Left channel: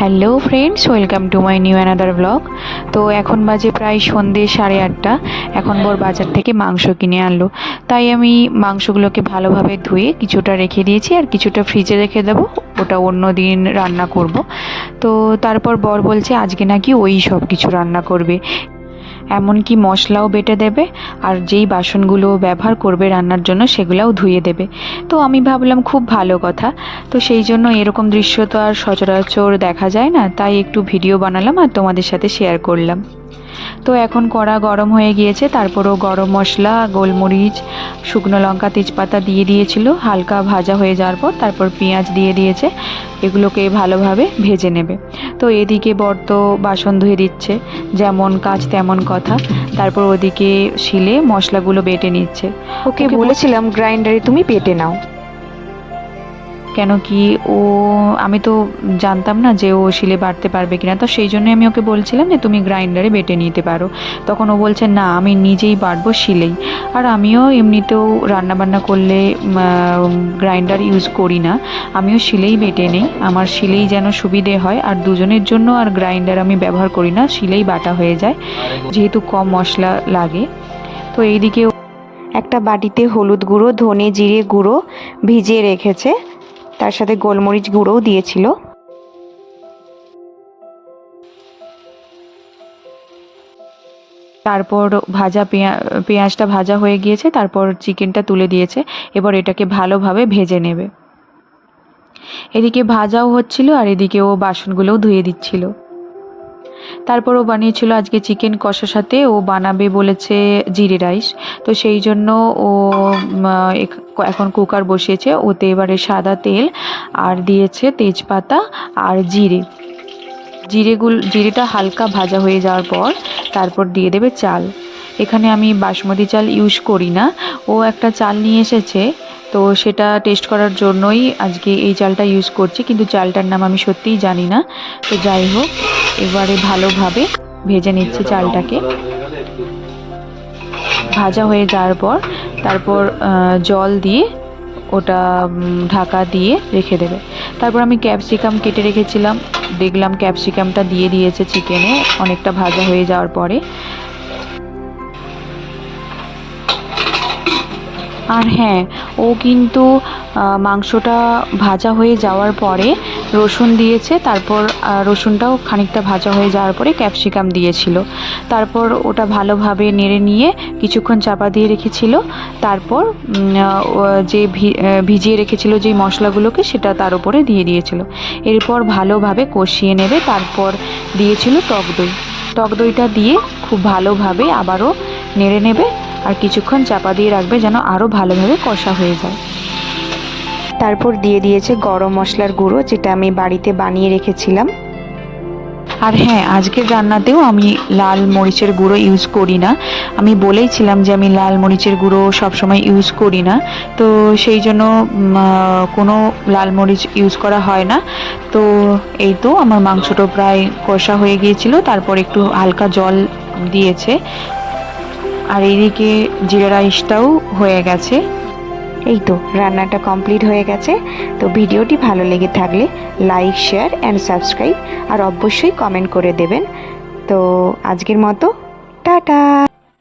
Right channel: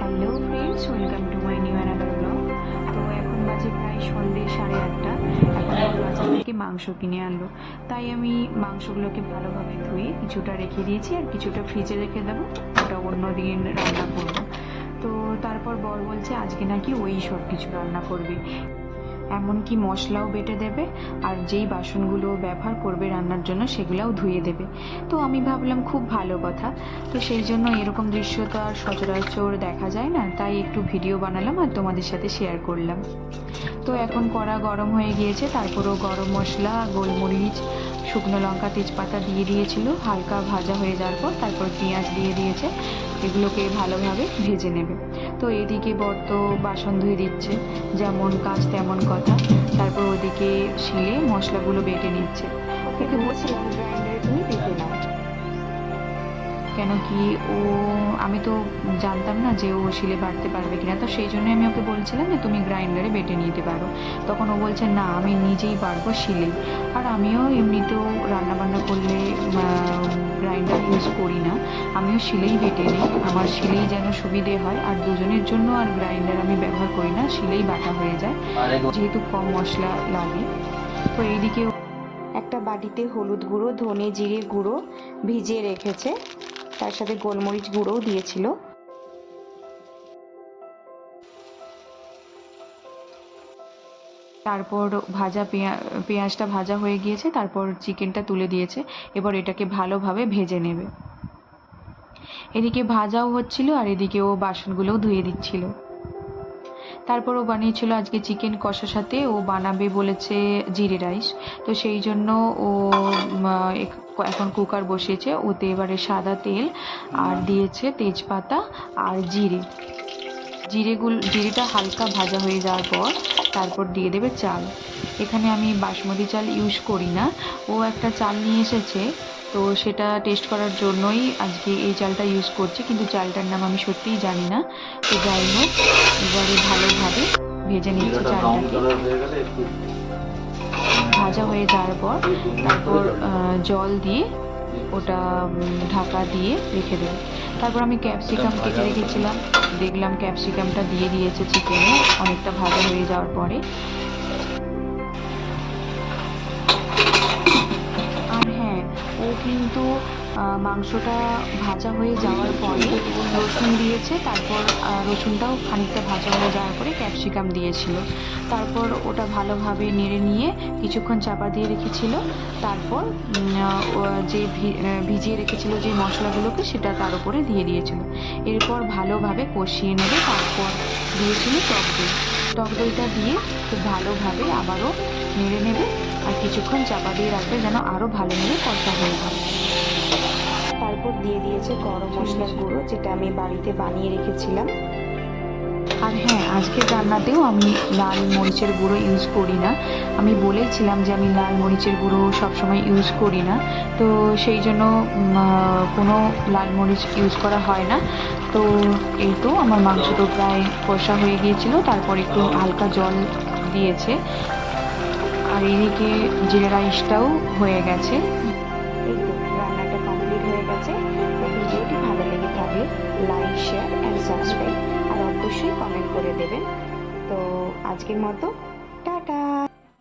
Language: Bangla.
Hello friends, welcome to my new another blog. তো এখন বাজে প্রায় সন্ধ্যে 8:30। এখন ওর বাজার থেকে মাংস কিনে আনলো, তাই আমি মাংসগুলোকে ভালোভাবে ধুয়ে কিছুটা রেখে দিয়েছি আর কিছুটা ফ্রিজে রেখে দেবো, ওটা অন্য দিন রান্না করব। তো তারপর বর বলছে আজকে নাকি ওই সব কিছু রান্না করবে, এমনকি মশলাও বেটে দেবে আর যেই বাসনগুলো ব্যবহার করবে রান্নার জন্য সেগুলোও ধুয়ে দেবে। তো আমি ভাবলাম খুব ভালো কথা। তো সেই জন্য এরকম দৃশ্য তো আর সচরাচর দেখা যায় না, তাই একটু ভিডিও বানালাম আর তোমাদের সাথে শেয়ার করলাম। তো এখন কড়া গরম হয়ে গিয়েছে, তারপরও গরম মশলা, গোলমরিচ, শুকনো লঙ্কা, তেজপাতা দিয়ে দিয়েছিল। হালকা ভাজা হয়ে যাওয়ার পর তারপর পেঁয়াজ দিয়ে দিয়েছে, এগুলোকে ভালোভাবে ভেজে নেবে। তো এদিকে বর তো বাসন ধুয়ে দিচ্ছে, যেমন কাজ তেমন কথা। তারপর ওদিকে শিলে মশলাগুলো বেটে নিচ্ছে। ওকে বলেছিলাম গ্রাইন্ডারে তুমি বেটে নাও, কেন কি আমি তো জানতাম না যে ও শিলে বাটতে পারবে কিনা, তো সেই জন্য আমি ওকে বলছিলাম যে তুমি গ্রাইন্ডারে বেটে নিতে পারো। তখন ও বলছে না, আমি নিজেই বাটবো শিলেই। আর আমিও এমনিতেও রান্নাবান্না করলে গ্রাইন্ডার ইউজ করি না, আমিও শিলেই বেটে নেই। আমার শিলেই যেন সুবিধে হয়, আর দুজনের জন্য আর গ্রাইন্ডার আমি ব্যবহার করি না, শিলেই বাটা হয়ে যায় যেহেতু কম মশলা লাগে। তো এইদিকে একটা বাটিতে হলুদ গুঁড়ো, ধনে জিরে গুঁড়ো ভিজিয়ে রেখেছে, তার সাথে গোলমরিচ গুঁড়োও দিয়েছিল। তারপর পেঁয়াজটা ভাজা হয়ে গিয়েছে, তারপর চিকেনটা তুলে দিয়েছে। এবার এটাকে ভালোভাবে ভেজে নেবে। এদিকে ভাজাও হচ্ছিল আর এদিকে ও বাসনগুলোও ধুয়ে দিচ্ছিল। তারপর ও বানিয়েছিল আজকে চিকেন কষার সাথে ও বানাবে বলেছে জিরে রাইস। তো সেই জন্য ও এখন কুকার বসিয়েছে, ওতে এবারে সাদা তেল আর দিয়েছে তেজপাতা আর জিরেটা হালকা ভাজা হয়ে যাওয়ার পর তারপর দিয়ে দেবে চাল। এখানে আমি বাসমতি চাল ইউজ করি না, ও একটা চাল নিয়ে এসেছে, তো সেটা টেস্ট করার জন্যই আজকে এই চালটা ইউজ করছি, কিন্তু চালটার নাম আমি সত্যিই জানি না। তো যাই হোক, এবারে ভালোভাবে ভেজে নিচ্ছি চালটাকে। ভাজা হয়ে যাওয়ার পর তারপর জল দিয়ে ওটা ঢাকা দিয়ে রেখে দেবে। তারপর আমি ক্যাপসিকাম কেটে রেখেছিলাম, দেখলাম ক্যাপসিকামটা দিয়ে দিয়েছে চিকেনে অনেকটা ভাজা হয়ে যাওয়ার পরে। আর হ্যাঁ, ও কিন্তু মাংসটা ভাজা হয়ে যাওয়ার পরে রসুন দিয়েছে, তারপর রসুনটাও খানিকটা ভাজা হয়ে যাওয়ার পরে ক্যাপসিকাম দিয়েছিল। তারপর ওটা ভালোভাবে নেড়ে নিয়ে কিছুক্ষণ চাপা দিয়ে রেখেছিল। তারপর যে ভিজিয়ে রেখেছিল যেই মশলাগুলোকে সেটা তার উপরে দিয়ে দিয়েছিল। এরপর ভালোভাবে কষিয়ে নেবে। তারপর দিয়েছিল টক দইটা দিয়ে খুব ভালোভাবে আবারও নেড়ে নেবে আর কিছুক্ষণ চাপা দিয়ে রাখবে যেন আরও ভালোভাবে কষা হয়ে যায়। তারপর দিয়ে দিয়েছে গরম মশলার গুঁড়ো, যেটা আমি বাড়িতে বানিয়ে রেখেছিলাম। আর হ্যাঁ, আজকের রান্নাতেও আমি লাল মরিচের গুঁড়ো ইউজ করি না। আমি বলেইছিলাম যে আমি লাল মরিচের গুঁড়ো সবসময় ইউজ করি না, তো সেই জন্য কোনো লাল মরিচ ইউজ করা হয় না। তো এই তো আমার মাংসটা প্রায় কষা হয়ে গিয়েছিল, তারপর একটু হালকা জল দিয়েছে। আর এদিকে জিরা রাইসটাও হয়ে গেছে। এই তো রান্নাটা কমপ্লিট হয়ে গেছে। তো ভিডিওটি ভালো লেগে থাকলে লাইক, শেয়ার অ্যান্ড সাবস্ক্রাইব, আর অবশ্যই কমেন্ট করে দেবেন। তো আজকের মতো টাটা।